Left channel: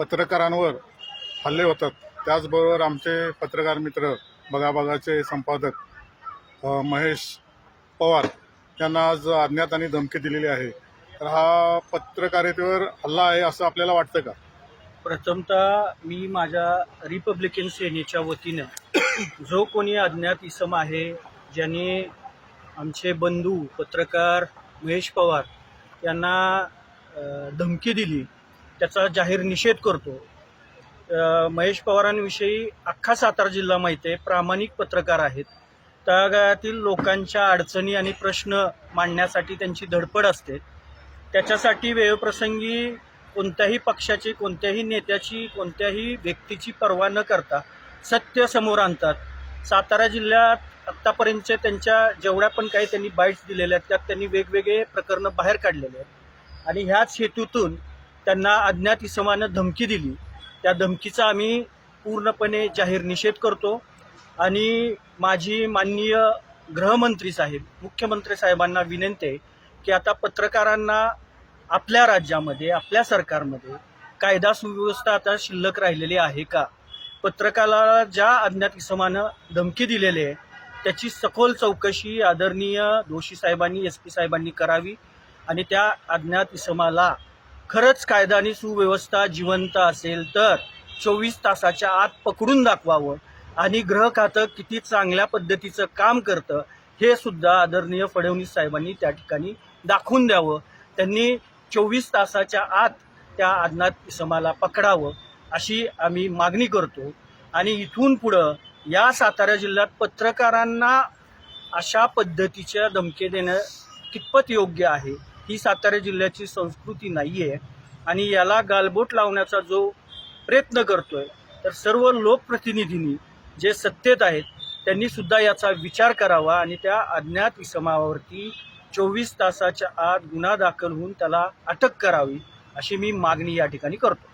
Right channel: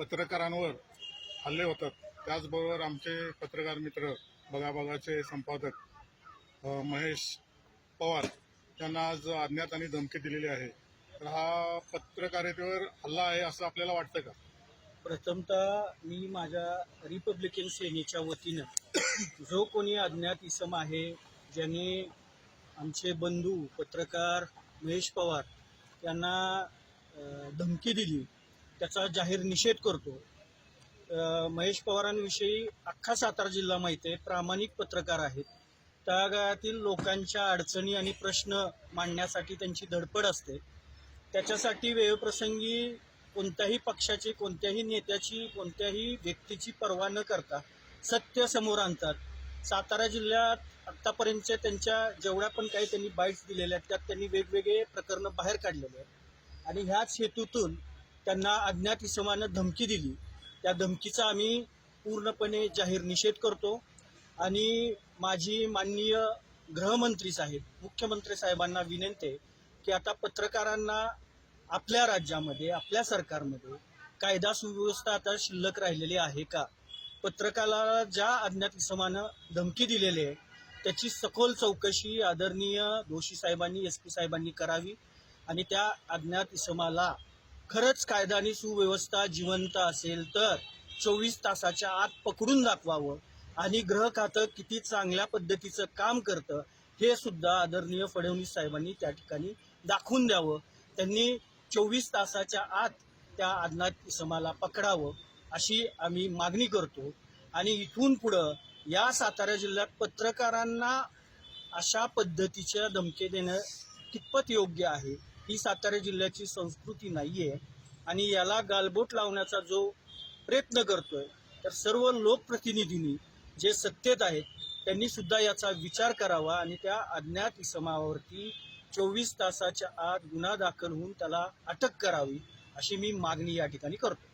पत्रकारांवर हल्ले होतात। त्याचबरोबर आमचे पत्रकार मित्र बघाबघाचे संपादक महेश पवार यांना आज अज्ञात आणि धमकी दिलेली आहे। तर हा पत्रकारितेवर हल्ला आहे असं आपल्याला वाटतं का? प्रथमतः मी माझ्या रिपब्लिकन सेनेच्या वतीनं जो कोणी अज्ञात इसम आहे ज्यांनी आमचे बंधू पत्रकार महेश पवार यांना धमकी दिली त्याचा जाहीर निषेध करतो। महेश पवारांविषयी अख्खा सातारा जिल्हा माहिती आहे, प्रामाणिक पत्रकार आहेत। तळागाळातील लोकांच्या अडचणी आणि प्रश्न मांडण्यासाठी त्यांची धडपड असते। त्याच्यासाठी वेळप्रसंगी कोणत्याही पक्षाची, कोणत्याही नेत्याची, कोणत्याही व्यक्तीची पर्वा न करता सत्य समोर आणतात। सातारा जिल्ह्यात आत्तापर्यंतच्या त्यांच्या जेवढ्या पण काही त्यांनी बाईट्स दिलेल्या आहेत त्यात त्यांनी वेगवेगळे प्रकरणं बाहेर काढलेले आहेत आणि ह्याच हेतूतून त्यांना अज्ञात इसमानं धमकी दिली। त्या धमकीचा आम्ही पूर्णपणे जाहीर निषेध करतो आणि माझी माननीय गृहमंत्री साहेब, मुख्यमंत्री साहेबांना विनंती आहे की आता पत्रकारांना आपल्या राज्यामध्ये, आपल्या सरकारमध्ये कायदा सुव्यवस्था आता शिल्लक राहिलेली आहे का? पत्रकाराला ज्या अज्ञात इसमानं धमकी दिलेली आहे त्याची सखोल चौकशी आदरणीय दोषी साहेबांनी, SP साहेबांनी करावी आणि त्या अज्ञात इसमाला खरंच कायदा आणि सुव्यवस्था जिवंत असेल तर 24 तासाच्या आत पकडून दाखवावं आणि गृह खातं किती चांगल्या पद्धतीचं काम करतं हे सुद्धा आदरणीय फडणवीस साहेबांनी त्या ठिकाणी दाखवून द्यावं। त्यांनी 24 तासाच्या आत त्या अज्ञात इसमाला पकडावं अशी आम्ही मागणी करतो आणि इथून पुढं या सातारा जिल्ह्यात पत्रकारांना अशा पद्धतीच्या धमकी देणं कितपत योग्य आहे? ही सातारा जिल्ह्याची संस्कृती नाही आहे आणि याला गालबोट लावण्याचा जो प्रयत्न करतोय तर सर्व लोकप्रतिनिधींनी जे सत्तेत आहेत त्यांनी सुद्धा याचा विचार करावा आणि त्या अज्ञात इसमावरती 24 तासाच्या आत गुन्हा दाखल होऊन त्याला अटक करावी अशी मी मागणी या ठिकाणी करतो।